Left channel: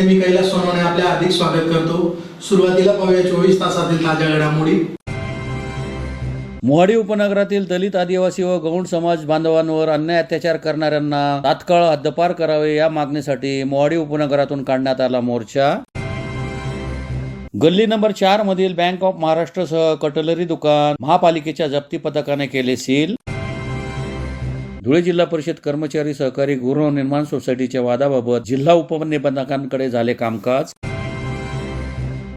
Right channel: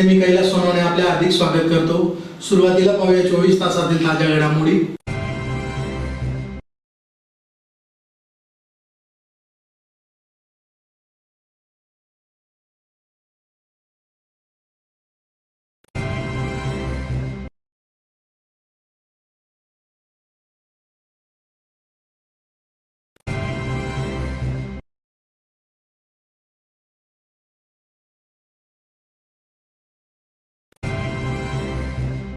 मध्ये मी कैलास सोनवणे आपले हार्दिक स्वागत करतो। सुरुवातीला पाहूया 24 तासातील ताज्या घडामोडी। मोहाडी उपनगरातील दलित, आदिवासी व गौंड समाज बांधवांवर अन्याय अत्याचार करणाऱ्यांना तात्काळ हद्दपार करावे या मागणीसाठी मोहाडी उपनगरातून काढण्यात आला मोर्चा। गल्ली नंबर 4 मधील बँक ऑफ महाराष्ट्रसह कटलरी दुकान महापालिकेच्या जप्ती पथकाने केले सील। धुळे जिल्हा परिषद कर्मचारी सहकारी गृहनिर्माण सोसायटीच्या वादाबाबत जिल्हा उपनिबंधकांकडे झाले कामकाज।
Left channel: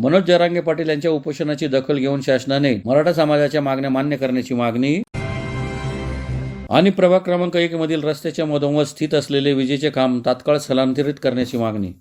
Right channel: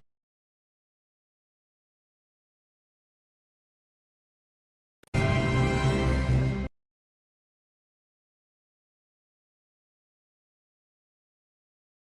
मनोज जरांगे पाटील यांच्या उपोषणाची दखल घेऊन शासनाने मराठा समाजाच्या मागण्या मान्य करण्याची मागणी। आणि प्रभाग क्रमांक 1 मधील रस्त्याच्या मधोमध स्थित असलेले विजेचे खांब तात्काळ स्थलांतरित करण्याची मागणी।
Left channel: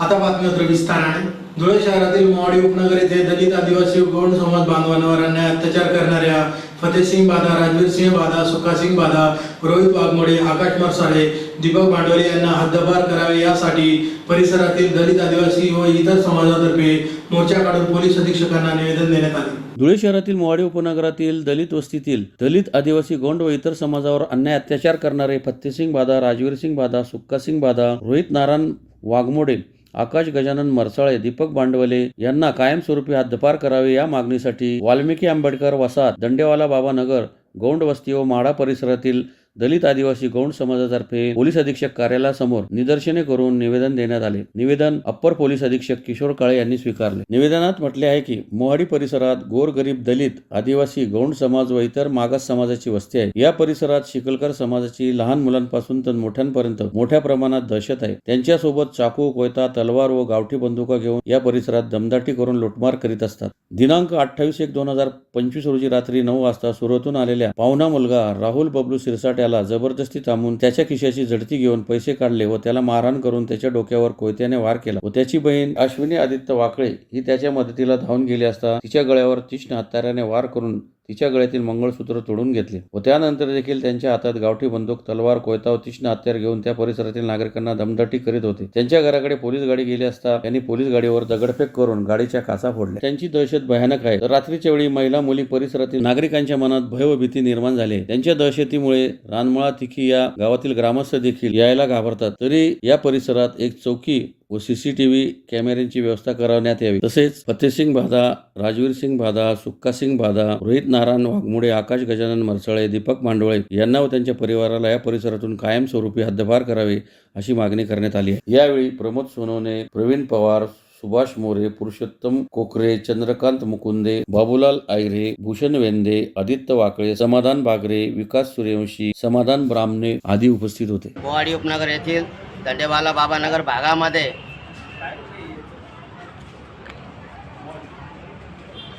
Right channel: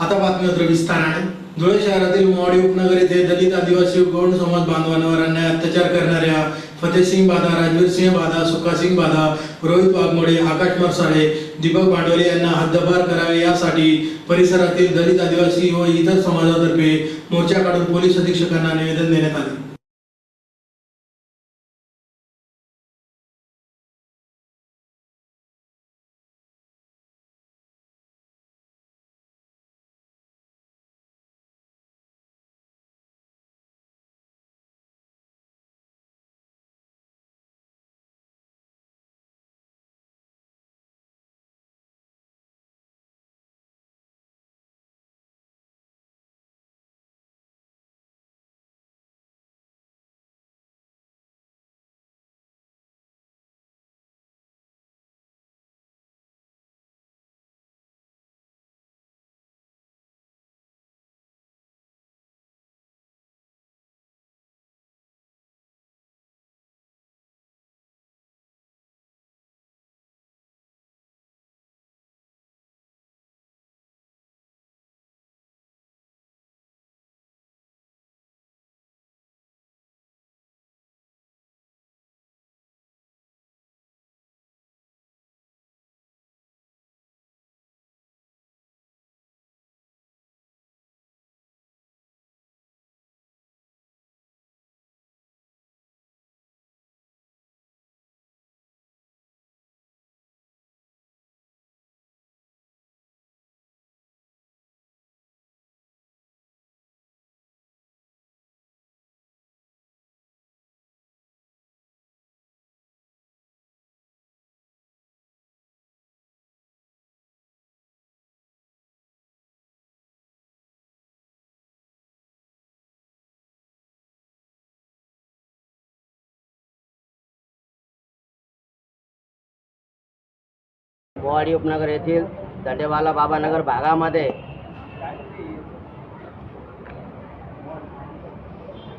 आता बातमी विस्ताराने। धुळे शहरातील मोहाडी उपनगर येथे दलित, आदिवासी गौंड समाज बांधवांवर अन्याय अत्याचार करणाऱ्या फतेहसिंग बादा, राजवीर सिंह बादा, सुखासिंग बादा, रोहित वाघमोडे, आकाश मरसाळे, दीपक भांडवले यांना हद्दपार करावे यासाठी परिसरातील दलित, आदिवासी व इतर समाजातर्फे मोर्चा काढून पोलीस अधीक्षकांना निवेदन देण्यात आले। धुळे शहरातील मोहाडी उपनगरातील दलित वस्तीतील दलित, आदिवासी, गौंड व इतर समाजावर अन्याय अत्याचार करणारे फतेहसिंग बादा, राजवीर सिंग बादा, सुखासिंग बादा, रोहित नारायण वाघमोडे, आकाश गजानन मरसाळे, दीपक भांडवले यांना कायमस्वरूपी हद्दपार करावे या मागणीसाठी वाल्मिकी आंबेडकर वसाहत, दंडेवाला बाबा नगर, गौंड वस्ती व माढा परिसरातील दलित, आदिवासी, गौंड समाजातर्फे पोलीस अधीक्षक कार्यालयासमोर निदर्शने करून निवेदन देण्यात आले। निवेदन अप्पर पोलीस अधीक्षक किशोर काळे यांनी स्वीकारले। निवेदनात म्हटले आहे की मोहाडी परिसरात गोरगरीब दलित, आदिवासी, गौंड समाज व इतर मागास समाजाची वस्ती आहे। या परिसरात शिकलकर समाजाची लहान मुलांपासून तर मोठ्यांपर्यंत मोठ्या प्रमाणात दहशत आहे। त्यांच्यासोबत चाकू, कोयता, तलवार व गावठी बंदुका घेऊन या परिसरात दमदाटी करून लुटमार करीत असतात। दिनांक 28/1/2025 रोजी रात्री 9 वाजता सुरतून आलेल्या पाहुणा मुलगा राहुल बबलू सिरसाट याला जबरदस्ती थांबून त्याच्या खिशाची झडती घेऊन पैसे काढले व त्याला मारहाण करून त्याच्या डोक्यावर कोयत्याने वार केला व त्याची बहीण अश्विनी आदित्य वाकळे ही त्याच्या मदतीला धावून गेली असता तिच्या गळ्यावर तीक्ष्ण हत्याराने वार करून तिच्या गळ्यातील मंगळसूत्र तोडून घेतले व त्यानंतर देखील त्यांच्या हातात गावठी बंदूक, तलवार, कोयता व तीक्ष्ण हत्यार घेऊन त्या परिसरातील नागरिकांना दमदाटी करीत होते। त्यांच्या घराकडे पोलीस गाडी गेली असता त्यांनी पोलीस गाडीवर दगडफेक करून गाडीच्या काचा फोडल्या। त्यांची दहशत भयानक आहे। तर रात्रीच्या वेळी महिला, मुली, परिसरातील नागरिकांच्या मनात भय व भीती निर्माण झाली। त्यांच्या दहशतीमुळे रानमळा, तिखी या गावातील ग्रामस्थ देखील यायला घाबरतात। तरी या परिसरात एक चौकी व सीसीटीव्ही कॅमेऱ्यांची व्यवस्था करण्यात यावी। तसेच फतेहसिंग बादा, राजवीर सिंग बादा, सुखासिंग बादा, रोहित नारायण वाघमोडे, आकाश गजानन मरसाळे, दीपक भांडवळे यांना व त्यांच्या परिवाराला या परिसरातून कायमस्वरूपी हद्दपार करावे अशी मागणी करण्यात आली आहे। यावेळी प्रमोद सोनवणे, प्रवीण पवार, सुभाष मोरे, पुरुषोत्तम कोकरे, चंद्रकांत मुकुंदे, बाबूलाल आयरे, भूषण वेंदे, आदित्य वाकळे, समाधान बागरे, विकास सूर्यवंशी, समाधान ब्राह्मणे आदी उपस्थित होते। मोहाडी उपनगर येथील दंडेवाला बाबा नगर भागामध्ये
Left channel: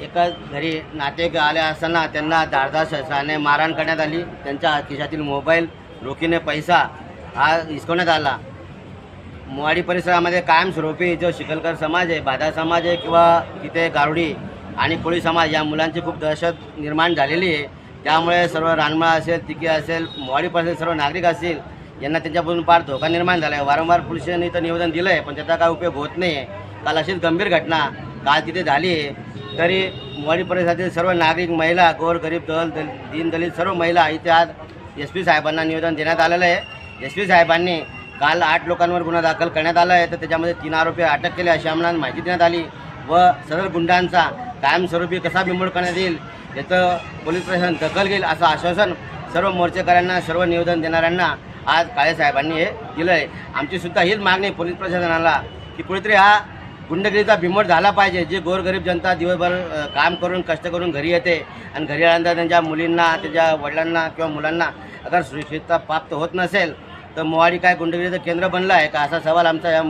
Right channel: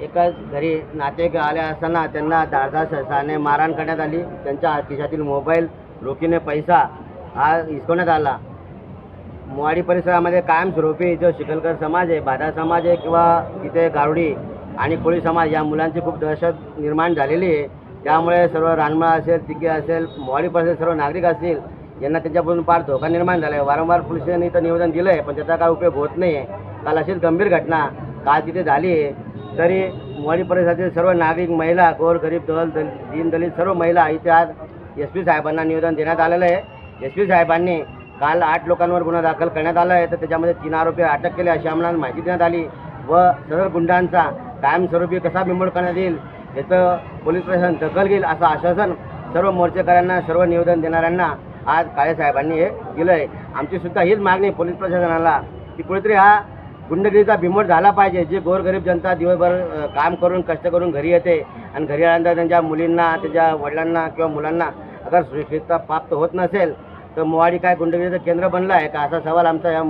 एका घरी नातेवाईक आले असताना त्यांना धारदार शस्त्राने मारहाण करण्यात आली। त्यांच्या खिशातील मोबाईल, रोखीने पैसा हा हिसकवण्यात आला। मोहाडी परिसरामध्ये कायमस्वरूपी जो शिकलकर समाज आहे, बादा समाज आहे किंवा तिथे गारुडी आणि कोळी समाज या मुलांची खूप दहशत निर्माण झालेली आहे। त्यामुळे सर्व रानमळा असेल, तिकी असेल, मोहाडी परिसरातील सर्व नागरिक असतील यांना त्यांच्यापासून फार धोका निर्माण झाला आहे। वारंवार पोलिसांनी तर निवेदन दिलं आहे पण त्याचा काय उपयोग होत नाही आहे। काल अशीच गंभीर घटना काल तिथे झाली आहे। तरी मोहाडी परिसरातील सर्व नागरिक, महिला, गोरगरीब, दीनदलित सर्व महिला इथे आज SP साहेबांना निवेदन देण्यात आलेलं आहे। SP साहेबांनी काल 8 लोकांवर गुन्हा दाखल करण्यात आला आहे। तर त्याच्यामध्ये 3 आरोपी अटक केले अशी आम्हाला माहिती देण्यात आली व सर्व गुंडांचा कायमस्वरूपी कसा बिमोड करण्यात येईल याचं पोलीस प्रशासन दखल घेईल असं आश्वासन सर्व मोर्चेकऱ्यांना, सर्व निवेदन देणाऱ्यांना आज काळे साहेबांनी हे दिलं आहे। आमची सुद्धा हीच मागणी पोलीस प्रशासनाला की कुठेतरी हा गुंडगिरीचा बिमोड झाला पाहिजे। जे गोरगरीब जनता दिवसभर काम करून, कष्ट करून घरी येते आणि घरी आल्यानंतर त्यांच्या मुलींना, त्यांच्या वडिलांना किंवा मुलांना अगर सुरक्षितता प्राप्त होत नसेल तर मोहाडी काय गुंडगिरीचं केंद्र बनलं आहे का असा सवाल आमचा या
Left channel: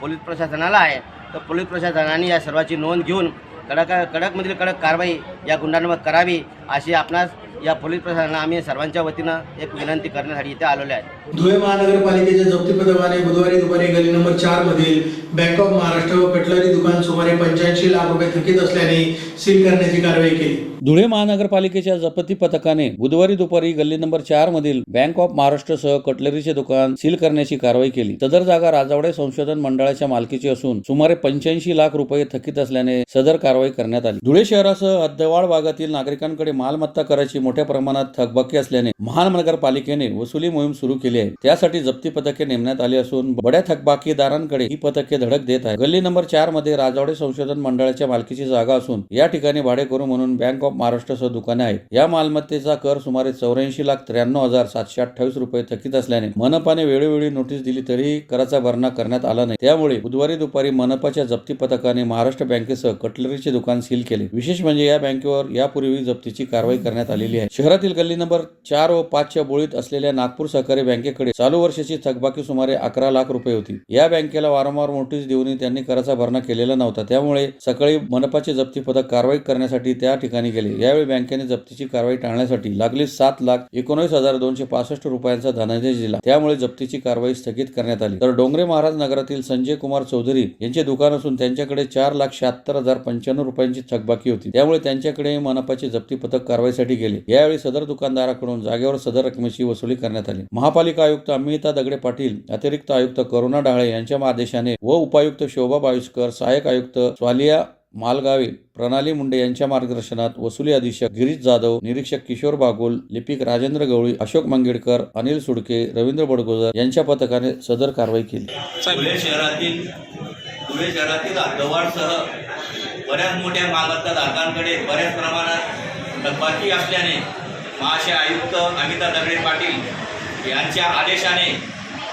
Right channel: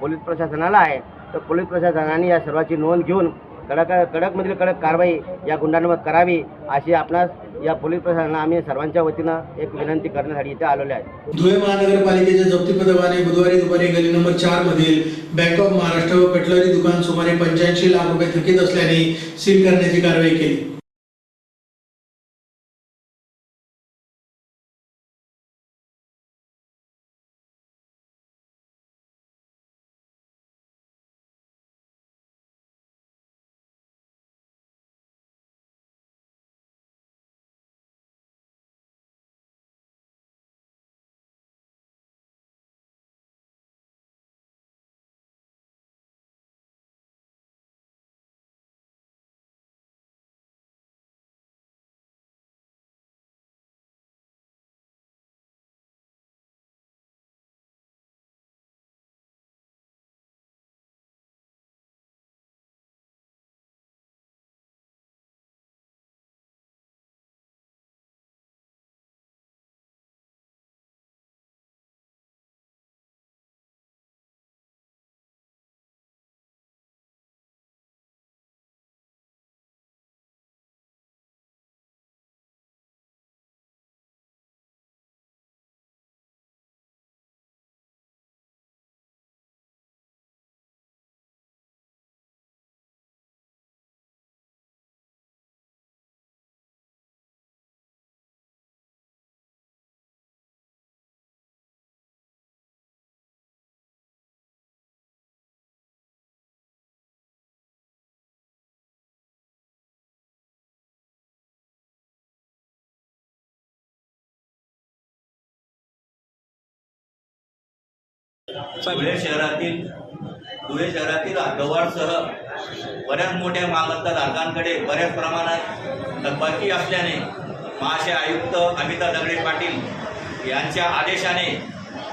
पोलीस प्रशासनाला आहे। तर पोलीस प्रशासनाने या सर्वाची नोंद घेऊन कडकमधील कडक कारवाई या गुंडांवर करावी अशी आपणास या पोलीस प्रशासनाला आम्ही सर्वांच्या वतीनं एक विनंती करण्यासाठी इथे आलेलो आहे। धुळे महानगरपालिकेच्या जप्ती पथकाने बुधवारी दुपारी गली नंबर 4 मधील बँक ऑफ महाराष्ट्र व कटलरी दुकान सुमारे 85 लाख रुपये थकीत असल्याने सील करण्याची कारवाई केली। धुळे महानगरपालिकेच्या जप्ती पथकाने बुधवारी दुपारी गल्ली नंबर 4 मधील बँक ऑफ महाराष्ट्रसह कटलरीचे दुकान सील करण्याची कारवाई केली. सदर जागा राजावडे संशोधन मंडळाच्या मालकीची असून सुमारे 85 लाख रुपये थकीत असल्याने सदर कारवाई करण्यात आली. धुळे शहरासह हद्दवाढ भागातील नागरिकांकडे मालमत्ता कराची मोठ्या प्रमाणात थकबाकी असल्याने महानगरपालिकेने वसुली मोहीम सुरू केली आहे. त्यासाठी जप्ती पथके नेमण्यात आली असून बड्या थकबाकीदारांकडे ही पथके धडक देत आहेत. गल्ली नंबर 4 मध्ये राजावडे संशोधन मंडळाच्या मालकीची जागा असून या ठिकाणी भाडेकरू म्हणून बँक ऑफ महाराष्ट्रसह दुकाने आहेत. या मालमत्तेचा कर सुमारे 84,93,728 रुपये थकीत असल्याने मनपाने वेळोवेळी नोटीस दिली तरीही कराचा भरणा करण्यात आला नाही. त्यामुळे बुधवारी दुपारी मनपाच्या जप्ती पथकाने महाराष्ट्र बँकेसह कटलरीचे दुकान सील केले. विशेष म्हणजे या बँकेवर यापूर्वी जप्तीची कारवाई करण्यात आलेली आहे. शहरातील गल्ली नंबर 4 व 5 च्या बोळीत असलेल्या नागपूर सहकारी बँकेकडे चालू वर्षाची थकबाकी सुमारे 11 लाख रुपये होती. या बँकेला वारंवार नोटीस देऊनही त्यांनी कराचा भरणा केलेला नव्हता. त्यामुळे सकाळी मनपाचे जप्ती पथक कारवाई करण्यासाठी त्या ठिकाणी गेले. यावेळी बँकेने जप्तीची कारवाई टाळण्यासाठी लागलीच 7,19,265 रुपयांचा धनादेश दिला. त्यामुळे जप्तीची कारवाई स्थगित करण्यात आली. तर डोंगरे महाराज नगरातील संजय कुमार चौधरी यांचे दुकान असून त्यांच्याकडे 4,76,095 रुपयांची थकबाकी होती. त्यामुळे त्यांच्याकडे मनपाचे जप्ती पथक कारवाईसाठी गेले. यावेळी सदर दुकानदाराकडून जागेवर सदर रकमेची वसुली करण्यात आली. महापालिका आयुक्त अमिता दगडे पाटील, अतिरिक्त आयुक्त करुणा डाळे यांच्या आदेशाने व उपायुक्त शोभा बाविस्कर, सहाय्यक आयुक्त स्वालिया मालगावे, प्रणाली मुंडे यांच्या मार्गदर्शनात वसुली अधीक्षक गिरीश जाधव, निरीक्षक किशोर बागुल, लिपिक राजेंद्र गवळी, अशोक मंगेडकर, अनिल सुडके, रवींद्र बडगोजर यांच्या पथकाने सदर कारवाई केली. धुळे शहरातील हद्दवाढसह बऱ्याच मोठ्या मालमत्ता धारकांकडे बऱ्याच प्रमाणात थकबाकी असल्याने महाशय आयुक्त अमिता दगडे पाटील यांच्या आदेशाने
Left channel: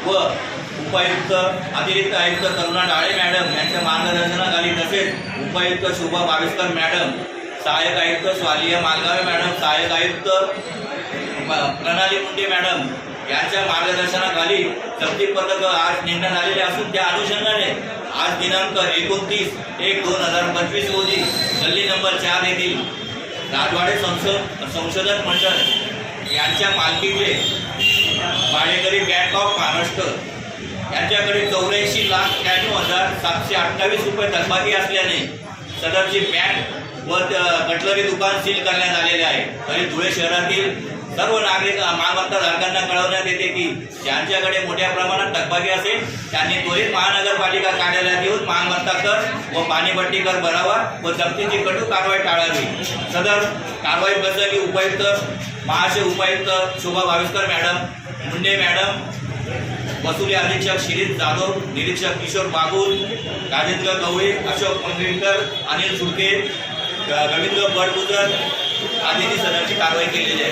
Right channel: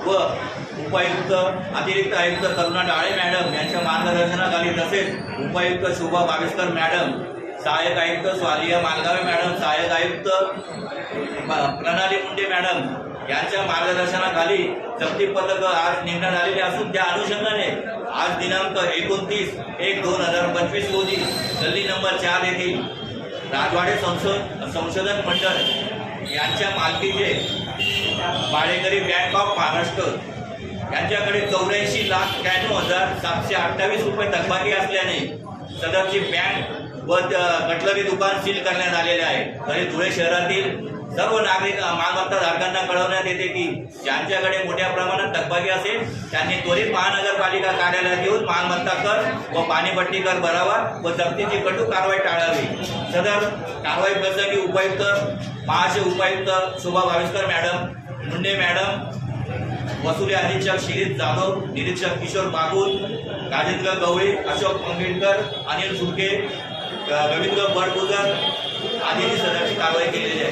व उपायुक्त अतिरिक्त आयुक्त करुणा डाळे मॅडम यांच्या मार्गदर्शनाखाली तसेच उपायुक्त शोभा बाविस्कर मॅडम, सहाय्यक आयुक्त स्वालिया मालगावे मॅडम, सहाय्यक आयुक्त प्रणाली मुंडे मॅडम यांच्या मार्गदर्शनाखाली जप्ती पथक आज नेमण्यात आलेले असून त्या अनुषंगाने आज दिनांक 29/1/2025 रोजी गल्ली नंबर 4 येथील राजवाडे संशोधन मंडळ यांच्या मालकीचे भाडेकरी बँक ऑफ महाराष्ट्र यांच्याकडे 84,93,728 रुपये थकबाकी असल्याने सदरची बँक व कटलरी दुकान सील करण्यात आलेले आहे. तरी धुळे शहरातील सर्व नागरिक मालमत्ता धारकांना कळवण्यात येते की ज्यांच्याकडे मोठ्या प्रमाणात थकबाकी असेल त्यांनी त्वरित महानगरपालिका कार्यालयात येऊन मालमत्ता कर व पाणीपट्टी कर भरावा व जप्तीची कठोर कारवाई टाळावी. सदर कारवाई प्रसंगी उपायुक्त महाशय उपायुक्त शोभा बाविस्कर मॅडम, मुंडे मॅडम, वसुली अधीक्षक शिरीष जाधव, निरीक्षक किशोर बागुल, राजेंद्र गवळी, अशोक मंगेडकर, अनिल सुडके, रवींद्र बडगुजर आदींनी सदरची कारवाई केलेली आहे.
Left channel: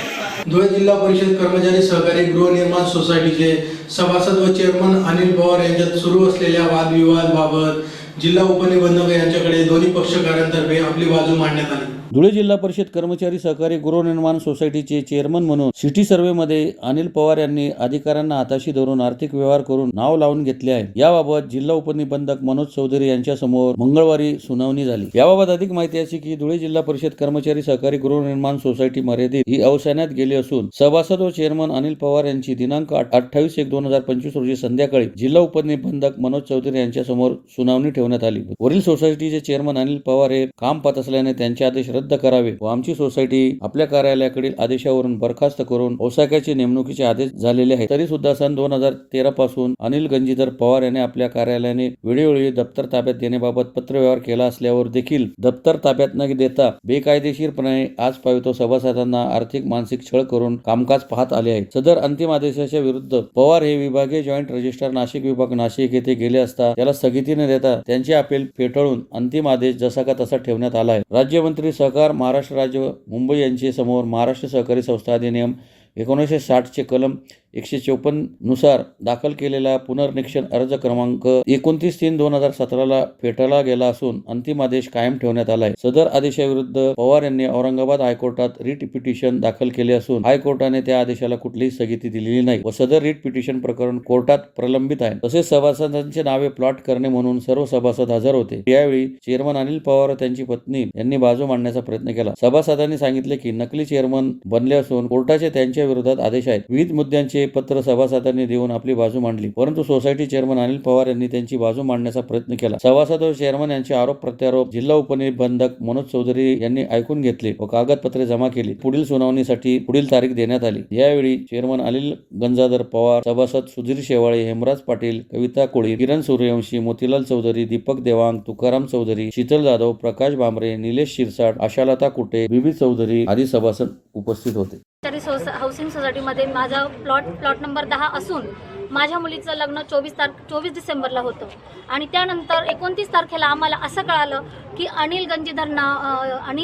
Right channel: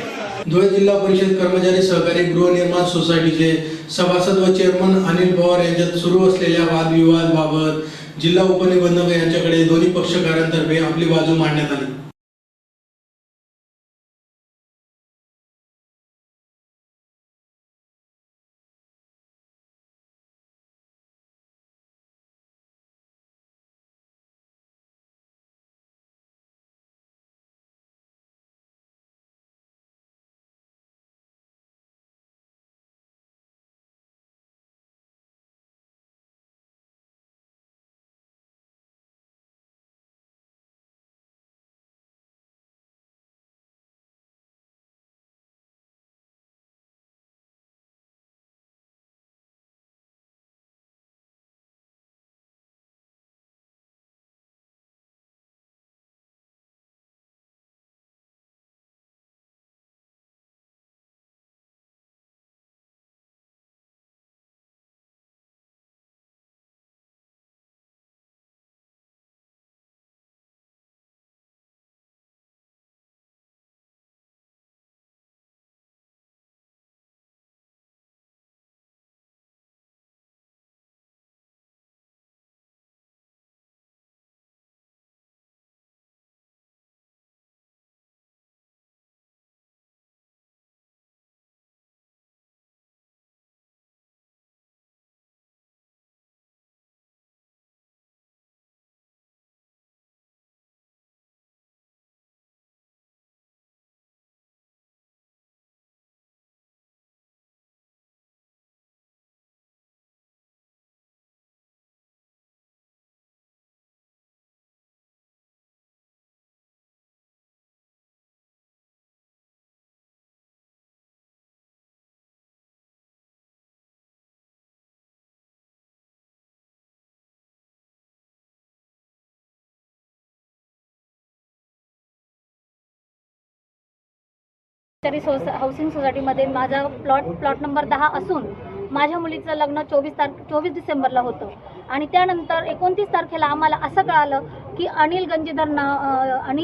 धुळे जिल्हा परिषद कर्मचारी सहकारी गृहनिर्माण सोसायटीचे सभासद व चेअरमन अनिल पवार यांच्यात सुरू असलेल्या वादविवादाबाबत जिल्हा उपनिबंधक यांच्याकडे दोन्ही पक्षकारांतर्फे आपली बाजू मांडण्यात आली. धुळे जिल्हा परिषद कर्मचारी सहकारी गृहनिर्माण सोसायटीचे चेअरमन म्हणून सिटी सर्व्हेमध्ये अनिल पवार यांनी अधिकाऱ्यांना हाताशी धरून आर्थिक व्यवहार करून नाव लावून घेतले आहे. याबाबत जिल्हा उपनिबंधक मनोज चौधरी यांच्या समोर मंगळवारी सुनावणी झाली. याबाबत अधिक माहिती अशी की धुळे जिल्हा परिषद कर्मचारी सहकारी गृहनिर्माण सोसायटी मर्यादित ही अवसानात गेली असून सभासद व चेअरमन अनिल पवार यांची दिनांक 28/1/2025 रोजी संध्याकाळी जिल्हा उपनिबंधक मनोज चौधरी यांच्या समोर सुनावणी ठेवण्यात आली. वरील सोसायटीचे चेअरमन अनिल पवार हे काम पाहत असल्याने त्यांचे आदेश रद्द करावे व आमची सोसायटी आपल्या कार्यालयाकडील आदेशावरून बरखास्त करून औसाक्याचे नेमणुकीचे आदेश झालेले आहेत. तरी सुद्धा सन 2013 पासून अनिल गंजीधर पवार यांनी आपल्या कार्यालयाने वेळोवेळी दप्तर ताब्यात देण्याबाबत पत्रव्यवहार केला असल्यावर देखील दप्तर ताब्यात न देता बेकायदेशीरपणे आज पावितो सभासदांना आर्थिक मानसिक छळ करून कामकाज पाहत आले आहे. सदर अंतिम आदेशाच्या विरुद्ध पवार हे विभागीय जॉईंट रजिस्ट्रार नाशिक विभाग नाशिक येथे गेले असता त्याला स्थगिती न देता त्यांचे अपील फेटाळून अंतिम आदेश जसा का तसा ठेवण्यात आला आहे. राज्यमंत्री सहकार महाराष्ट्र राज्य मुंबई यांचे समोर महाराष्ट्र सहकारी संस्था अधिनियम 1960 चे कलम 154 नुसार दाखल केलेला पुनर्निरीक्षण अर्ज क्रमांक 29/3/2017 ला फेटाळला गेला असून अंतिम आदेश कायम ठेवण्यात आला आहे. सदर आदेशाविरुद्ध पवार यांनी औरंगाबाद हायकोर्टात रिट पिटिशन दाखल केले असून हायकोर्टाने त्या आदेशाला कुठलीही स्थगिती दिलेली नाही व सदर रिट पिटिशन प्रकरण कोर्टात प्रलंबित आहे. तसेच सभासदांचे नावे प्लॉट करणे म्हणून सर्व सभासद हजर होते. यावेळी चेअरमन अनिल पवार व त्यांची पत्नी यांनी बाजू मांडण्याचा प्रयत्न केला. सभासदांनी सांगितले की नकली चेअरमन बनले असून कोर्टाचे त्यांच्या विरोधात आदेश आहेत. विविध मुद्द्यांचे पत्र सभासदांनी देऊन आपली बाजू मांडली, परंतु सोसायटी चेअरमन अनिल पवार यांनी त्यांची बाजू मांडण्याचा प्रयत्न केला. सभासद व चेअरमन यांचे आरोप प्रत्यारोप जिल्हा उपनिबंधक मनोज चौधरी यांनी ऐकून घेतले व कागदपत्रे जमा केली. पुढील सुनावणीसाठी पुढील तारीख देण्यात आली. यावेळी चेअरमन अनिल गंजाधर पवार, सभासद सुधीर शेवाळे, हेमराज पाटील, कविता कोळी, किरण सूर्यवंशी, मोतीलाल चौधरी, दीपक देवांग, तुकाराम चौधरी, शीतल जाधव, प्रकाश बांबरे, निलेश शिरसाट, आशालता कुटे, बीबी चौधरी आदी सभासद उपस्थित होते. हाऊसिंग सोसायटीमध्ये माझा प्लॉट नंबर 10 असून माझ्या मुलीचं लग्न 24 डिसेंबरला होतं आणि त्यानंतर 29 तारखेला आम्हाला असं कळालं की अनिल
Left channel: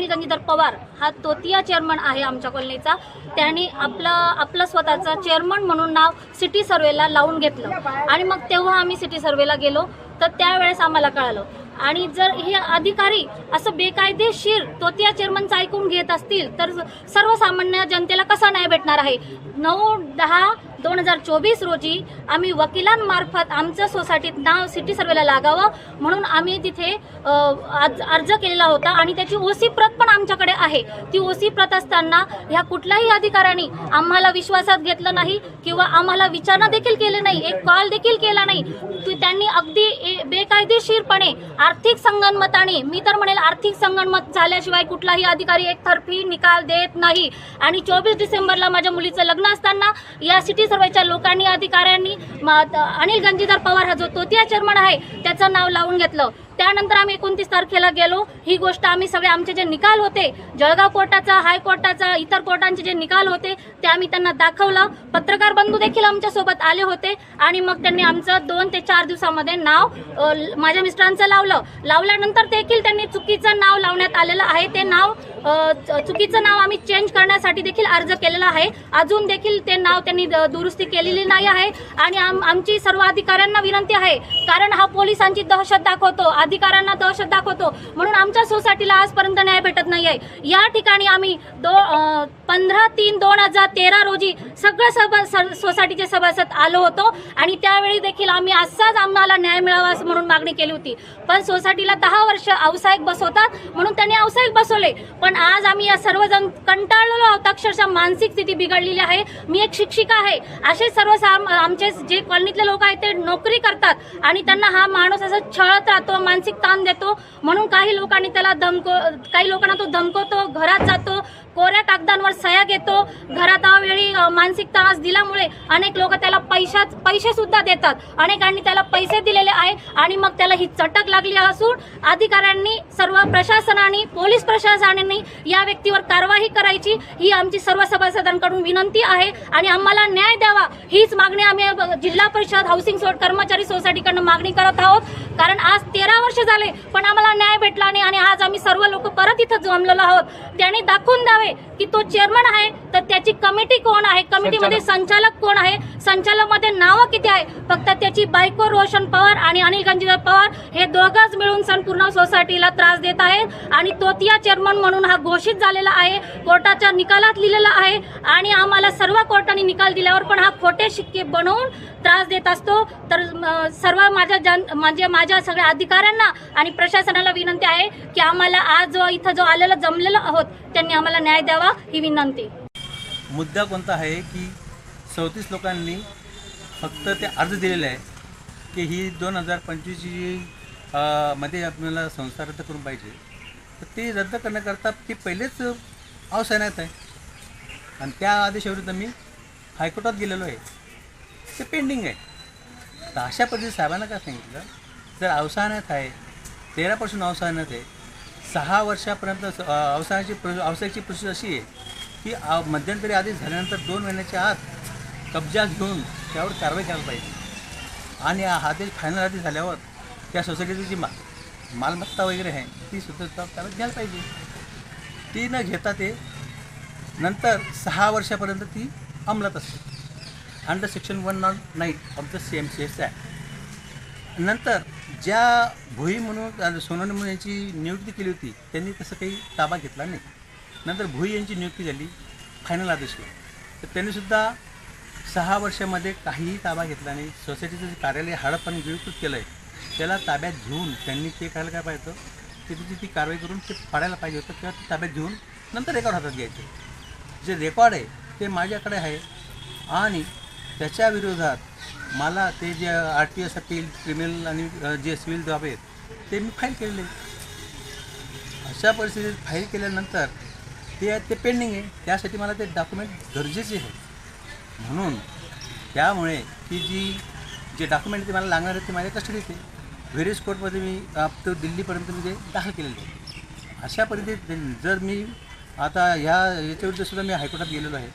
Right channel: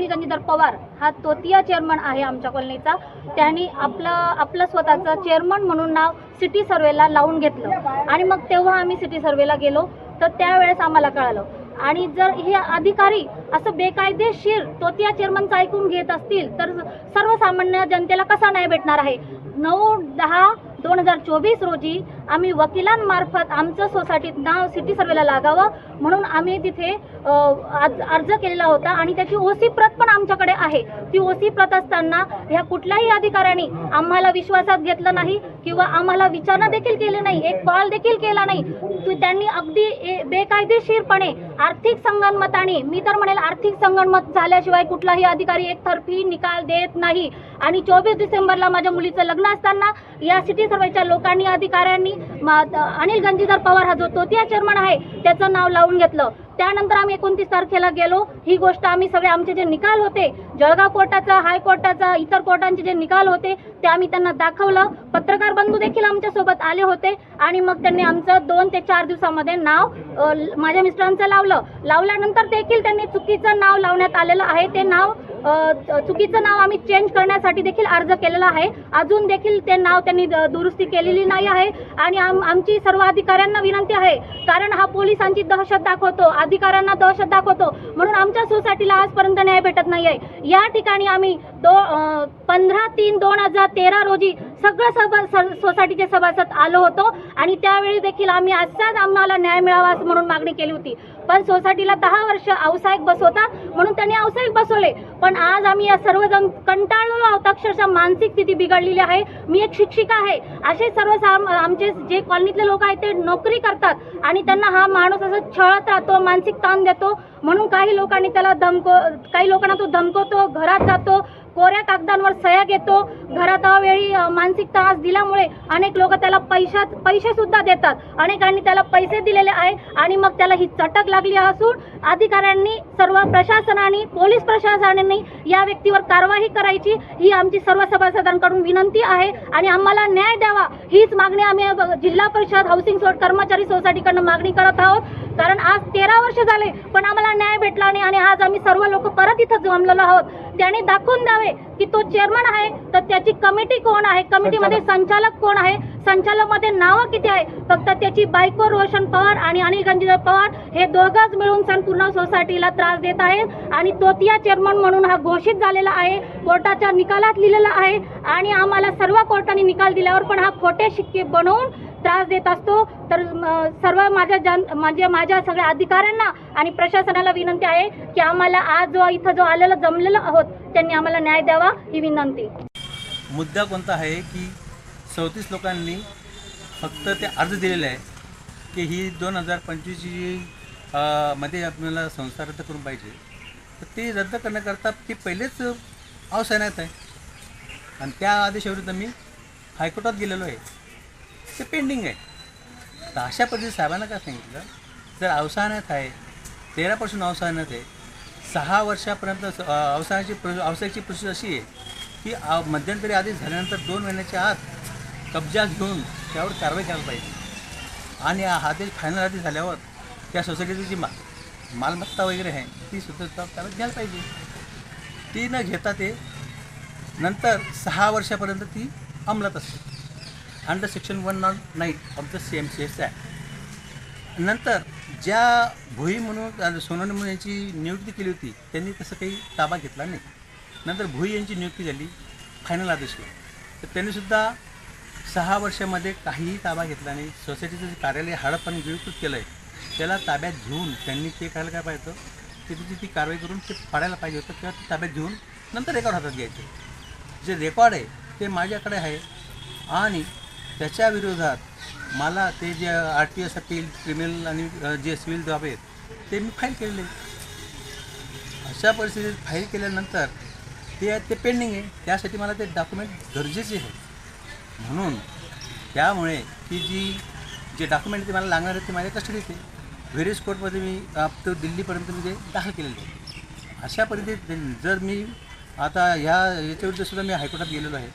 गंजीधर पवार हा तोतिया चेअरमन आहे आमच्या कॉलनीचा. त्यांनी आपलं स्वतःचं चेअरमन म्हणून नाव सिटी सर्वेला लावून घेतलं आणि मग तेव्हा आम्ही सिटी सर्वेला गेलो तर त्यावेळेस आम्हाला कळालं. आणि जर हे अधिकारी असं बेकायदेशीर तोतिया चेअरमनचं ऐकून घेत असतील तर सर्वसामान्य जनतेला कसा न्याय भेटणार आहे. 9/10/2024 रोजी आम्ही वकिलांमार्फत आमच्या सोसायटीत नाव सिटी सर्वेला लागावं म्हणून आम्ही तिथे अर्ज केलेला होता आणि त्याची ओसी प्रत पण आमच्याकडे आहे. ती ओसी प्रत असताना ह्या कुठल्याही अधिकाऱ्यांनी आम्हाला विश्वासात घेतलं नाही किंवा आम्हाला विचारणा देखील केली नाही, एक कॉल देखील केला नाही. त्यांनी अगदी बेकायदेशीरपणे आर्थिक संगनमताने, मी तर म्हणेल आर्थिक संगनमत झाल्याशिवाय कुठलाही अधिकारी एकतर्फी निकाल देत नाही. आणि 24 डिसेंबरला माझ्या मुलीचं लग्न असताना या सिटी सर्वेच्या लोकांनी, अधिकाऱ्यांनी अनिल गंजीधर पवार हा जो तोतिया चेअरमन आहे त्याचं नाव लावून घेतलं. त्यानंतर आम्ही 29 तारखेला गेलो. ही गोष्ट आम्ही सगळे आमचे जे निकाल होते, जळगाव कोर्टाचा, हायकोर्टाचा, इतर कोर्टांचे जे निकाल होते ते आम्ही त्यांना दाखवलं. पत्रकार बंधू देखील आमच्यासोबत आले होते आणि मग त्यांनी आमचं 2 ते 4 दिवसामध्ये नाव माझ्या मिस्टरांचं लावल्यानंतर देखील त्यांनी चुकीचं नाव लावण्यात आलेलं आहे. ते नाव चुकीचं नाव आम्ही चेंज करण्यासाठी देखील अर्ज केलेला आहे. अजून देखील ते नाव त्यांनी दुरुस्ती केलेली नाही आहे. आणि आमची सर्व अधिकाऱ्यांना विनंती आहे, कारण हा पोलिसांची दहशत दाखवतो, अधिकाऱ्यांना दहशत दाखवतो म्हणून आमच्या सोसायटीला आजपर्यंत न्याय भेटत नाही आहे. या ठिकाणी आम्ही 15/3/2013 रोजी सगळं सोसायटीचे सभासद आलो होतो आणि त्यावेळी देखील आम्ही असाच आम्हाला न्याय मिळावा असं म्हणून मागणी केली होती. पण सोसायटीला 10 वर्ष व्यावसायिक बसवतात म्हणून त्यांनी व्यावसायिक बसवले. पण आज आम्ही या सर्वजण कंटाळलेलो आहोत. अक्षरशः मानसिक स्थिती बिघडलेली आहे. मी एक शिक्षिका आहे. असे सर्व आमचे जे कॉलनीतले लोक आहेत ते नोकरी करतात आणि त्यांना हा माणूस असं छळत राहतो, मानसिक ताण देतो म्हणून काही लोकांना तो धमकवतो, घरात जातो, कोऱ्या कागदांवर सह्या घेतो. घरात वेळी मानसिक त्रास दिल्यामुळे अनेक लोक त्याला पैसे सुद्धा देतात. अनेकांनी त्याला पैसे दिलेले आहे आणि मग त्याला ही चटक लागली असून अधिकाऱ्यांनी, सर्व प्रशासनाने, पोलीस प्रशासनाने या व्यक्तीवर कारवाई करायची ही आमची सर्व सभासदांकडून विनंती आहे. आणि आम्हाला न्याय द्यावा हीच मागणी आम्ही जिल्हा परिषद हाऊसिंग कर्मचारी सोसायटीकडनं मागणी करत आहोत. कारण आज 13 वर्ष झाले पण आम्हाला न्याय भेटला नाही आणि आज आम्ही सर्व लोक परत इथं जमलेलो आहोत. त्यांनी दाखवून द्यावे की तो चेअरमन आहे तर त्याची कमिटी कोण आहे, कमिटीमध्ये संचालक कोण आहे, संचालकमध्ये नावं किती आहे. फक्त त्याची बायको रोशन पवार आणि अनिल गंजीधर पवार हे दोघंच मिळून संपूर्ण सोसायटीला त्रास देत आहेत आणि तोतिया चेअरमन म्हणून हा घोषित झालेला आहे. कोर्टाच्या निकालात लिहिलेला आहे आणि आम्हाला सर्व कोर्टाने निकाल दिल्यावर पण हा खोटे शिक्के बनवून त्रास देत असतो. तर सर्व माझ्या सगळ्या अधिकाऱ्यांना आणि प्रशासनाला विनंती आहे की आम्हाला आज इथं जमलेलो आहोत त्यांनी आम्हाला न्याय द्यावा ही विनंती. मुद्दा कोणता आहे की 34 लोकांनी फक्त ते अर्ज दिलेले आहे की ही 2025 मध्ये आपल्याला संस्था रद्द करून पाहिजे. तर ते रद्द करण्याकरता ती पहिलेच अवसानात आहे आणि त्या आदेशाविरुद्ध मी हायकोर्टात गेलेलो आहे. ते पेंडिंग आहे. तर अशा पद्धतीने साहेबांना काय सांगितलं, जर अवसानात आहे, 13% अवसानात आहे, 6 वर्षापर्यंत अवसायाची प्रोसेस अशी आहे की मध्यंतरी आदेश झाल्यानंतर 2 महिन्याच्या आत कब्जा घेऊन त्यावर कारवाई करायला पाहिजे. आणि हा आदेश फायनल आदेश झाल्यावर त्या सोसायटीची जी मालमत्ता वगैरे आहे ती सुद्धा ताब्यात घ्यायला पाहिजे. ती न घेता ते नंतर 6 वर्षापर्यंत ती अंमलात असते under section 109 of the CMCS act. नंतर ज्या भोई म्हणून सोनवणे म्हणून यांची नियुक्ती केली होती त्यांनी तसं काही ताबा घेतला नाही. नंतर भोई यांची नियुक्ती झाली फायनल आदेशला, तर त्यांनीसुद्धा 6 वर्षामध्ये काहीही ताबा घेतला नाही. सोसायटीचं जे कार्यालय हडप आणि गिळकृत केलं आहे त्याला ताब्यात घेऊन त्यांनी ते करायला काय पाहिजे की त्याची ती कारवाई करून ते पाडायला पाहिजे होतं किंवा ते ताब्यात घेऊन नंतर रेकॉर्ड हातात घ्यायचे. जे रेकॉर्ड आहे ते माझ्याकडे आहे आणि त्याच्या विरोधात मला ते जे RTS अपील, क्रिमिनल आणि जे सिव्हिल जॉब आहेत ते मी फाईल केलेले. अशा परिस्थितीत फाईल केल्यानंतर ते पेंडिंग आहे. त्यासाठी मला ते डॉक्युमेंट गरजेचे आहे. म्हणून त्यामुळे की जे डॉक्युमेंट ते मला लागणार आहेत ते माझ्या कस्टडीत आहे. व्हेरियस कोर्टमध्ये मी तो दिल्लीपर्यंत मी ते दाखल केलेलं आहे. अशा परिस्थितीत जर मी आता याच्याविरुद्ध सुद्धा मी हायकोर्टात गेलेलो आहे,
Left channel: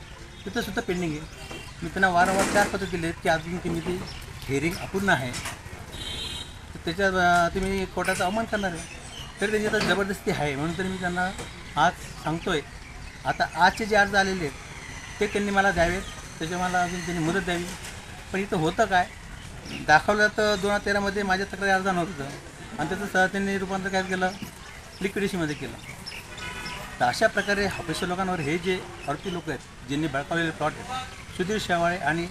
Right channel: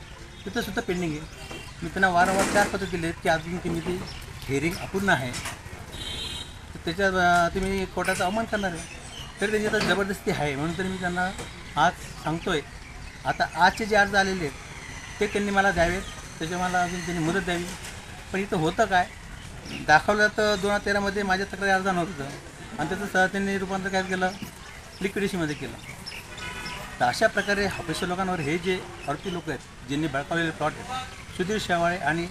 तिथंसुद्धा पेंडिंग आहे. मी त्यांना वारंवार 4 पत्र दिले आहेत की अजून की मी ती हिअरिंग अपूर्ण आहे, तर त्याच्यात तुम्ही कोर्टाचा अवमान करणार आहे. तरी त्यांची आता जबरदस्ती आहे. म्हणून तरी मी त्यांना आज सांगतो आहे. आता आजचे जे अर्ज आलेले आहेत ते त्यांनी मला द्यावेत, त्याच्या मला अजून त्यांनी मुदत द्यावी. पण इथं होतं काय, दाखवलं तर 2013मध्ये माझ्या तक्रारी अर्ज नव्हतं आणि त्याचं त्यांनी रूपांतर काय केलं, लिक्विडेशनमध्ये केलं. तर अशा प्रकारे ऑफिसर लोकांवर हे जे आरोपी लोक आहेत ज्यांनी बळकावलेले प्लॉट आहेत, सुधीर शेवाळे आणि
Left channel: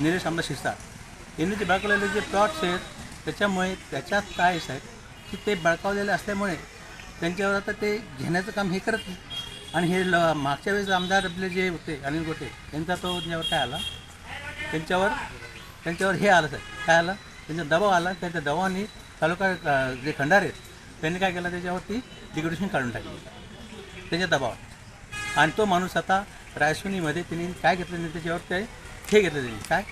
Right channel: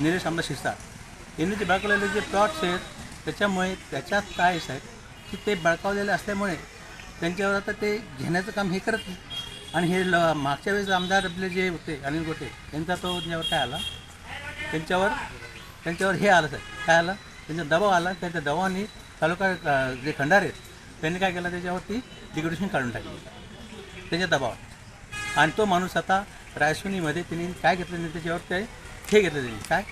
निलेश आमदार शिरसाट यांनी जे बळकावलेले जे प्लॉट्स आहेत, त्याच्यामुळे त्याच्यात काय आहे की ते बळकावलेले असल्यामुळे त्यांच्यावर आता ते घेण्याचं काम हे करत नाही. आणि हे मागच्या वेळेस आमदार आपले जे होते अनिल गोटे यांचा तो त्यांच्यावर काय आला, त्यांच्यावर हे आलं साहेब, काय आलं, त्यांचा दबाव आला. त्यांच्या दबावाने तालुका जे खंडार आहेत त्यांनी काय केलं, त्याच्यावरती लिक्विडेशन काढून टाकली त्याच्या दबावात. आणि तो माणूस आता रायसोनीमध्ये त्यांनी काय घेतलं नाही, त्याच्यावर ते हे घेतलं त्यांनी काय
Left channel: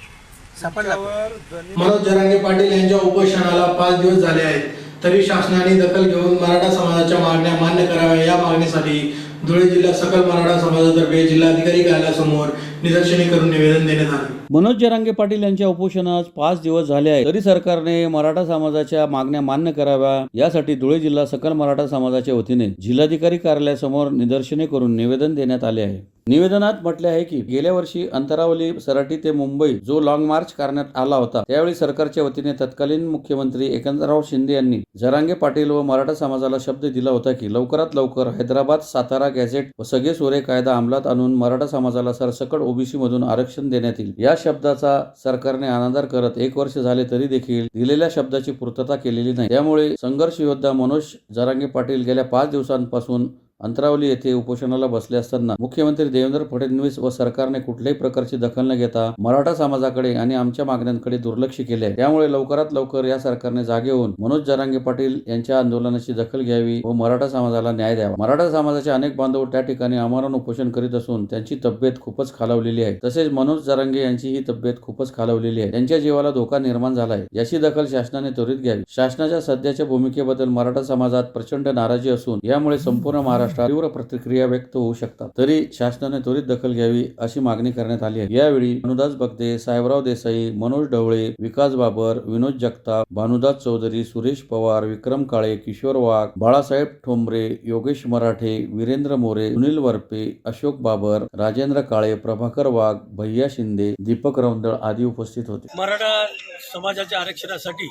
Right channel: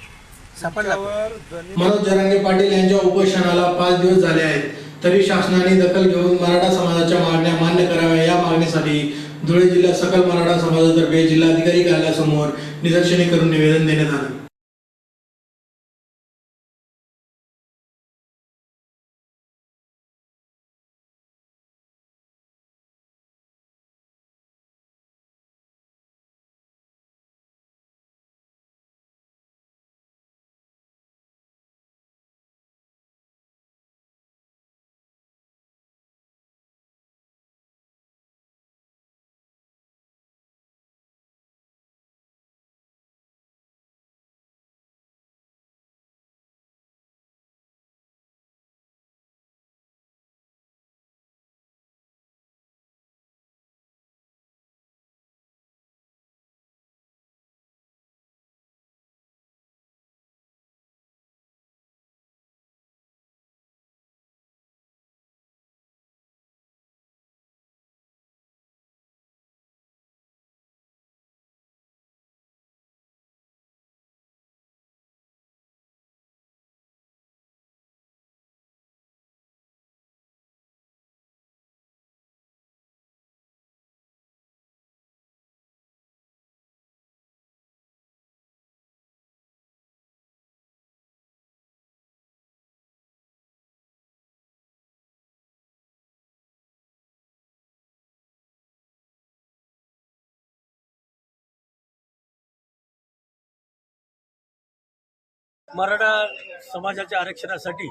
सापडला. मनोज जरांगे पाटील यांच्या उपोषणाला 5 दिवस झाले आहेत, तरी शासनाने दखल घेऊन मराठा समाजाच्या मागण्या मान्य कराव्या या मागणीसाठी धुळे जिल्हा सकल मराठा समाजातर्फे जिल्हाधिकारी कार्यालयासमोर निदर्शने करून निवेदन देण्यात आले. मनोज जरांगे पाटील यांच्या उपोषणास 5 दिवस झाले आहेत, तरी सरकारने मराठा समाजाच्या मागण्या मान्य कराव्या यासाठी धुळे जिल्हा सकल मराठा समाजाच्या वतीने जिल्हाधिकारी कार्यालयासमोर निदर्शने करून निवेदन देण्यात आले आहे. निवेदनात म्हटले आहे की गेल्या वर्षी अंतरावली सराटी ते मुंबई जो लॉंग मार्च करण्यात आला होता, त्यावेळी सरकारच्या वतीने तत्कालीन मुख्यमंत्री एकनाथराव शिंदे यांनी जरांगे पाटील व मराठा समाजाला शब्द दिला होता की लवकरात लवकर हैदराबाद सातारा गॅझेट व सगळे सोरे कायदा अंमलात आणून मराठा समाजाला सरसकट ओबीसी मधून आरक्षण देण्यात येईल. या शब्दाचा सरकारने अनादर करत 1 वर्ष झाले तरी देखील दिलेल्या शब्दाची पूर्तता केलेली नाही. त्यामुळे संघर्ष योद्धा मनोज जरांगे पाटील गेल्या 5 दिवसांपासून अंतरावली येथे उपोषणाला बसले असताना मुख्यमंत्री देवेंद्र फडणवीस व सरकारने कुठल्याही प्रकारची दखल न घेता मराठा समाजाकडे आणि आमच्या मागण्यांकडे दुर्लक्ष केले आहे. त्यामुळे लवकरात लवकर या सरकारने जागे होऊन मनोज जरांगे पाटील यांच्या आंदोलनाची दखल घ्यावी व मराठा समाजाला न्याय द्यावा. मराठा समाजाचे अनेक बांधव त्या ठिकाणी आमरण उपोषण करीत असून त्यांची तब्येत खूपच खालावलेली आहे. तसेच मनोज जरांगे यांचीही तब्येत खूपच खालावलेली आहे. त्यांच्या जीवाला धोका निर्माण झाला आहे. याची दखल शासनाने त्वरित घ्यावी. शासनाच्या सध्याच्या भूमिकेबद्दल मराठा समाजात प्रचंड नाराजी असून यामुळे संपूर्ण महाराष्ट्रात तीव्र प्रतिक्रिया व्यक्त होऊ शकतात. तरी शासनाने त्वरित दखल घ्यावी अशी मागणी करण्यात आली आहे. यावेळी भानुदास बगदे, साहेबराव देसाई, मनोज ढवळे, विकास बाबर, विनोद जगताप, भानुदास चौधरी, सुरेश पवार, विक्रम काळे, किशोर वाघ, बाळासाहेब ठोंबरे, योगेश मराठे, वीरेंद्र मोरे, सुनील वरपे, अशोक बाबर, राजेंद्र काळे, प्रभाकर वाघ, भैया शिंदे, दीपक रौंदळ आदी उपस्थित होते. मराठा समाजाच्या आरक्षणासाठी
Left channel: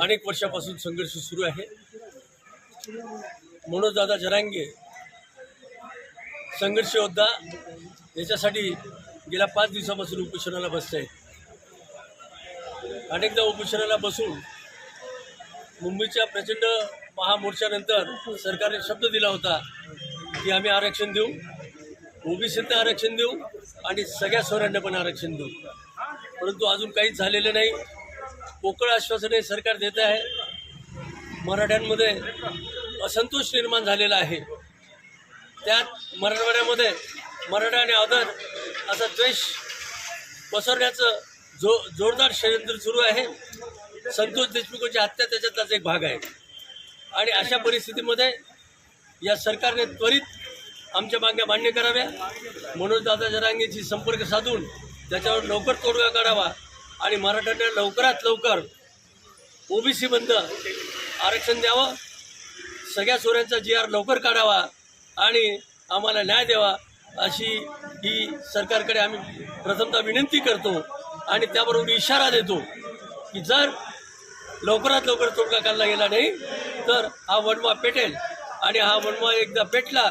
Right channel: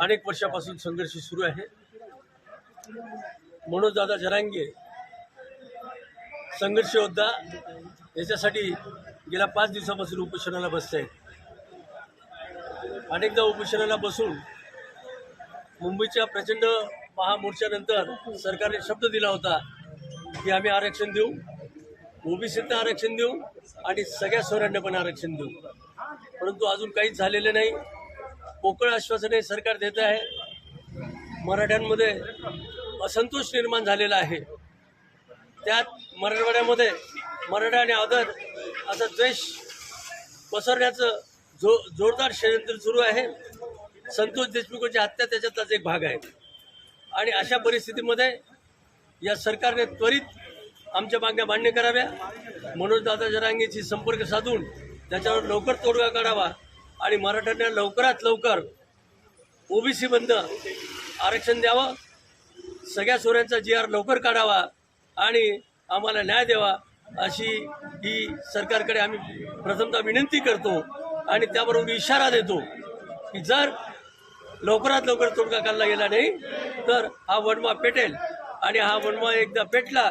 अनेक वर्षापासून संघर्ष सुरू आहे. मनोज दादा जरांगे संघर्ष योद्धा याच्यासाठी गेल्या 5 दिवसापासून उपोषणाला बसत आहेत. अनेकदा उपोषणाला बसून मुंबईच्या प्रचंड महामोर्चानंतर सरकारने शब्द दिला होता की आम्ही आरक्षण देऊ, ओबीसींना आरक्षण देऊ आणि सगळ्या सोयऱ्यांना पण आरक्षण देऊ. परंतु अजून काहीच झालेलं नाही. पोकळ आश्वासने सरकार देत आहे. मराठ्यांमध्ये असंतोष निर्माण झालेला आहे. त्यात मराठवाड्यामध्ये मराठा आणि अदर असा द्वेष पसरण्याचं जोरदार षडयंत्र सुरू आहे. संतोष देशमुखची हत्या त्याच्यातलाच एक भाग आहे. आणि अशा परिस्थितीमध्ये या सरकारने त्वरित आमच्या मागण्या मान्य कराव्या. मनोज दादा जरांगेशी संपर्क साधून त्याच्यावर लवकर तोडगा काढावा आणि मराठ्यांना लवकरात लवकर ओबीसी बंद आरक्षण द्यावं, सगळ्या सोऱ्यांचा GR लवकर काढावा आणि आम्हाला न्याय द्यावा अशी ही सरकारकडे आम्ही प्रथमतः विनंती करतो. आणि त्याबरोबर इशारा देतो की जर लवकरात लवकर तोडगा काढला गेला नाही तर हा वणवा पेटेल. आणि हा वणवा एकदा पेटला,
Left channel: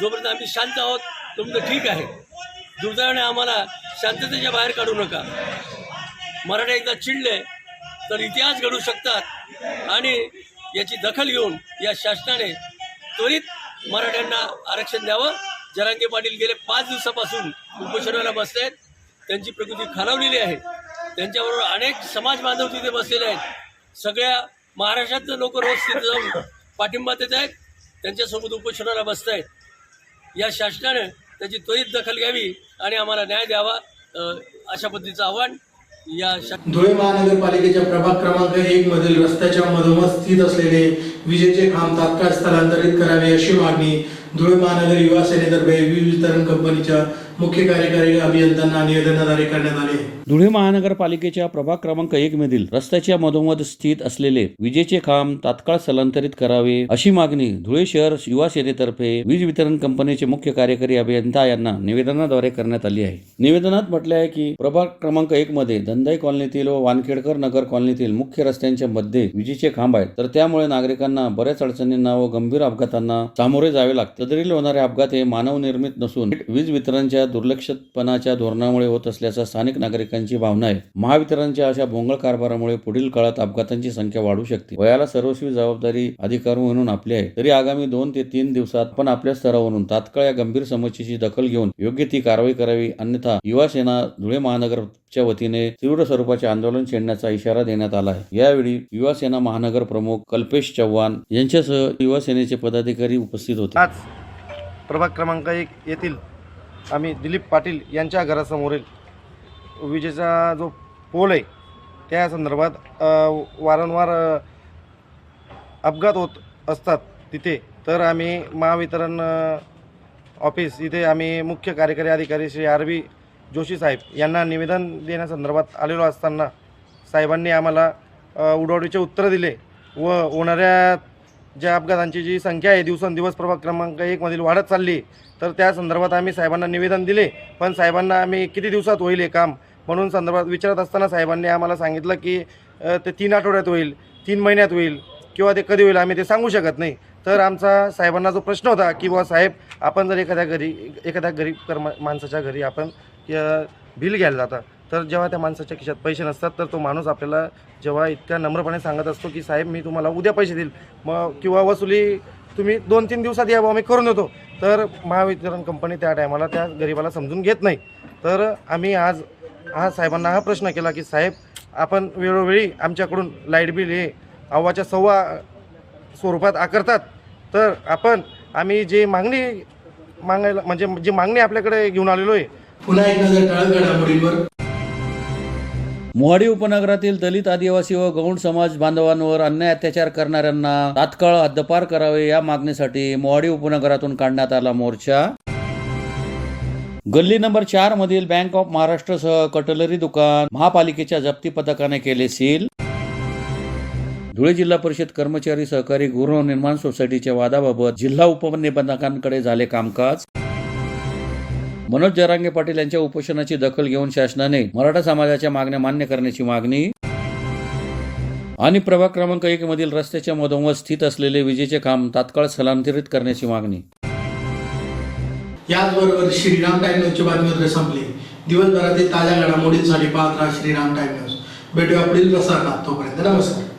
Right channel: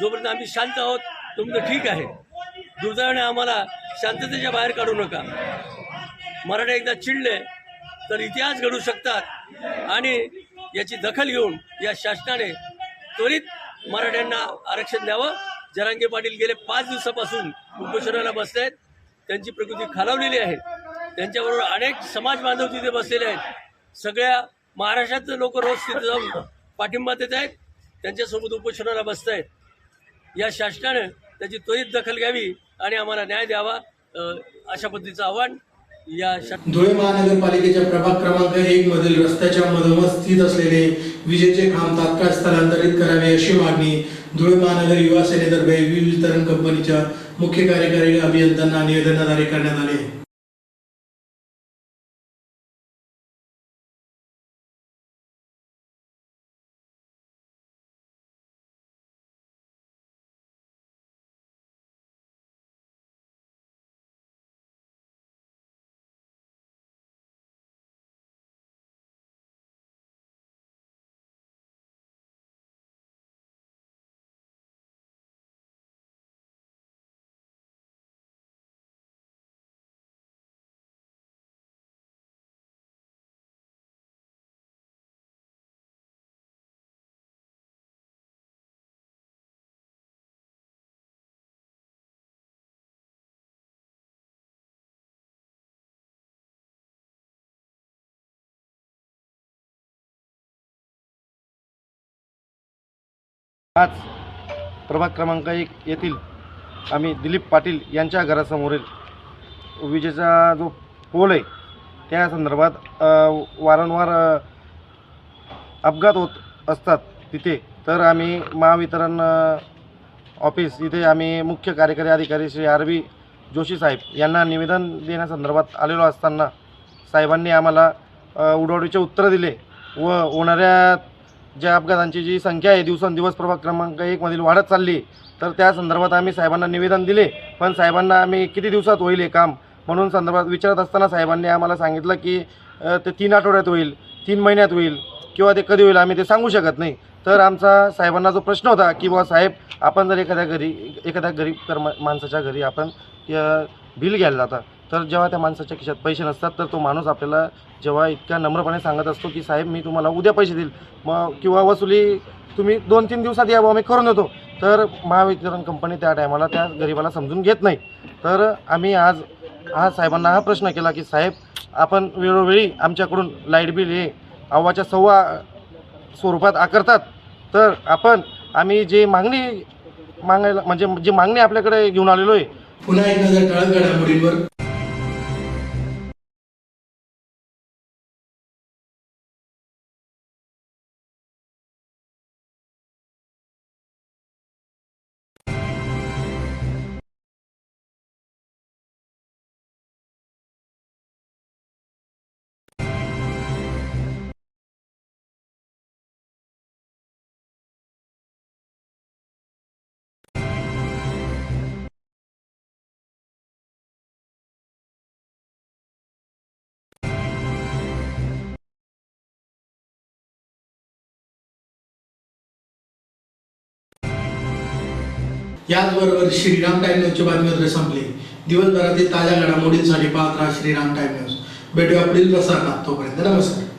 जोपर्यंत आम्ही शांत आहोत तुमचं ठीक आहे. दुर्दैवाने आम्हाला शांततेच्या बाहेर काढू नका. मराठा एकदा चिडले तर इतिहास घडू शकतात आणि याची दखल घेऊन या शासनाने त्वरित मराठ्यांना आरक्षण द्यावं जरांगे पाटील गेले 5 दिवसापासून उपोषणाला बसले आहेत. त्यांची प्रकृती खालावलेली आहे. त्यांच्याबरोबर अनेक समाज बांधव तिथे बसलेले आहेत. सगळ्या महाराष्ट्रातले लोक रोज तिथे जाऊन पाठिंबा देत आहेत. त्यांच्यासोबत उपोषणाला बसत आहेत. या शासनानं त्याची त्वरित दखल घ्यावी आणि आम्हाला न्याय द्यावा, अशा पद्धतीचं आव्हान या धुळे महानगरपालिकेच्या प्रभाग क्रमांक 1 मधील रस्त्याच्या मधोमध स्थित असलेले विजेचे खांब तात्काळ स्थलांतरित करावे अशी मागणी धुळे महानगर युवा सेनेतर्फे वीज वितरण कंपनीच्या मुख्य कार्यकारी अभियंत्यांना निवेदनाद्वारे करण्यात आले. धुळे महानगरपालिकेच्या प्रभाग क्रमांक 1 मधील रस्त्याच्या मधोमध स्थित असलेले विजेचे खांब तात्काळ स्थलांतरित करावे अशी मागणी धुळे शहर युवा सेनेतर्फे वीज वितरण कंपनीचे मुख्य कार्यकारी अभियंता यांना निवेदनाद्वारे करण्यात आली आहे. निवेदनात म्हटले आहे की प्रभाग क्रमांक 1 मध्ये धंदाई कॉलनीतील व वानखेडकर नगर कॉलनीतील मुख्य रस्त्यांच्या मध्ये विजेचे खांब आहेत, तर त्यामुळे नागरिकांना बऱ्याच अडचणींना व गंभीर अपघातांना सामोरे जावे लागते. तदरील होणारे अपघात हे मानव निर्मित नसून वीज वितरणच्या दुर्लक्षितपणाच्या धोरणामुळे होत असल्याचा स्थानिक नागरिकांची भावना आहे. महावितरणच्या अशा भोंगळ कारभारामुळे पुढील काळात अपघातांची संख्या वाढू शकते. वयाला सर्वस्वी जबाबदारी अधिकारी म्हणून आपली आहे, तरी आगामी 2 ते 3 दिवसात आपण आपल्या स्तरावरून तात्काळ या गंभीर समस्येची दखल घेऊन योग्य ती कारवाई करावी, अन्यथा युवा सेना धुळे महानगरच्या वतीने तीव्र स्वरूपाचे आंदोलन छेडण्याचा इशारा देण्यात आला आहे. यावेळी युवा सेना महानगर प्रमुख कल्पेश चव्हाण यांच्यासह युवा सेनेचे पदाधिकारी उपस्थित होते. आज प्रभाग क्रमांक 1 येथील आम्ही दिलीप पाटील यांच्या घरासमोरील विजेचा जो पोल आहे त्या संदर्भात वारंवार अपघात होत असतात तिथे, तर आम्ही महावितरण ऑफिस इथे आम्ही मुख्य कार्यकारी अधिकारी श्री RB जोशी साहेब यांना निवेदन देण्यासंदर्भात आलेलो असताना साहेबांनी आम्हाला उडवडीचे उत्तर दिले व होणाऱ्या ज्या अपघातांची जी संख्या आहे दिवसेंदिवस प्रभाग क्रमांक 1 मधील वाढत चालली, तर त्या संदर्भात आम्ही साहेबांना निवेदन दिले. पण साहेबांना आम्ही किती दिवसात होईल हे काम म्हणून संदर्भात विचारत असताना साहेबांनी आम्हाला सांगितलं की ते 3 आठवड्यात होईल, 3 महिन्यात होईल किंवा ते कधी होईल आम्ही ते सांगू शकत नाही. तर आमचा साहेबांना जो प्रश्न होता की बुवा साहेब, आपण जर एखाद्या गरीब माणसाच्या घरी आपण बिल घ्यायला जाता, तर जेव्हा त्या माणसाच्या खिशात पैसे नसतात तर तो माणूस आपल्याला जेव्हा इतक्या नम्रपणे सांगत असतो की साहेब मी तुम्हाला उद्या पैसे देईल मग किंवा वसुली तुम्ही 2-3 दिवसात यावं आम्ही करून देतो, तर महावितरण कंपनी त्या टायमाला त्या गरीबाला समजून घेत नाही. तर आम्ही आज साहेबांना हा प्रश्न केला की साहेब, आपण वेळोवेळी आमच्याकडून लाईट बिल हे अव्वाच्या सव्वा स्वरूपात आकारतात, तर आम्ही जे मागायला म्हणजे जी मागणी आपल्याकडे घेऊन आलेलो आहे. पुन्हा एक नजर ठळक घडामोडींवर. मोहाडी उपनगरातील दलित, आदिवासी व गौंड समाज बांधवांवर अन्याय अत्याचार करणाऱ्यांना तात्काळ हद्दपार करावे या मागणीसाठी मोहाडी उपनगरातून काढण्यात आला मोर्चा. गल्ली नंबर 4 मधील बँक ऑफ महाराष्ट्रसह कटलरी दुकान महापालिकेच्या जप्ती पथकाने केले सील. धुळे जिल्हा परिषद कर्मचारी सहकारी गृहनिर्माण सोसायटीच्या वादाबाबत जिल्हा उपनिबंधकांकडे झाले कामकाज. मनोज जरांगे पाटील यांच्या उपोषणाची दखल घेऊन शासनाने मराठा समाजाच्या मागण्या मान्य करण्याची मागणी. आणि प्रभाग क्रमांक 1 मधील रस्त्याच्या मधोमध स्थित असलेले विजेचे खांब तात्काळ स्थलांतरित करण्याची मागणी. याचबरोबर श्रीराम टाइम न्यूजची बातमीपत्र संपली. दिवसभरातील ताज्या घडामोडींसाठी पाहत राहा श्रीराम टाइम न्यूज. भेटूया पुढील प्रसारणात. तोपर्यंत नमस्कार.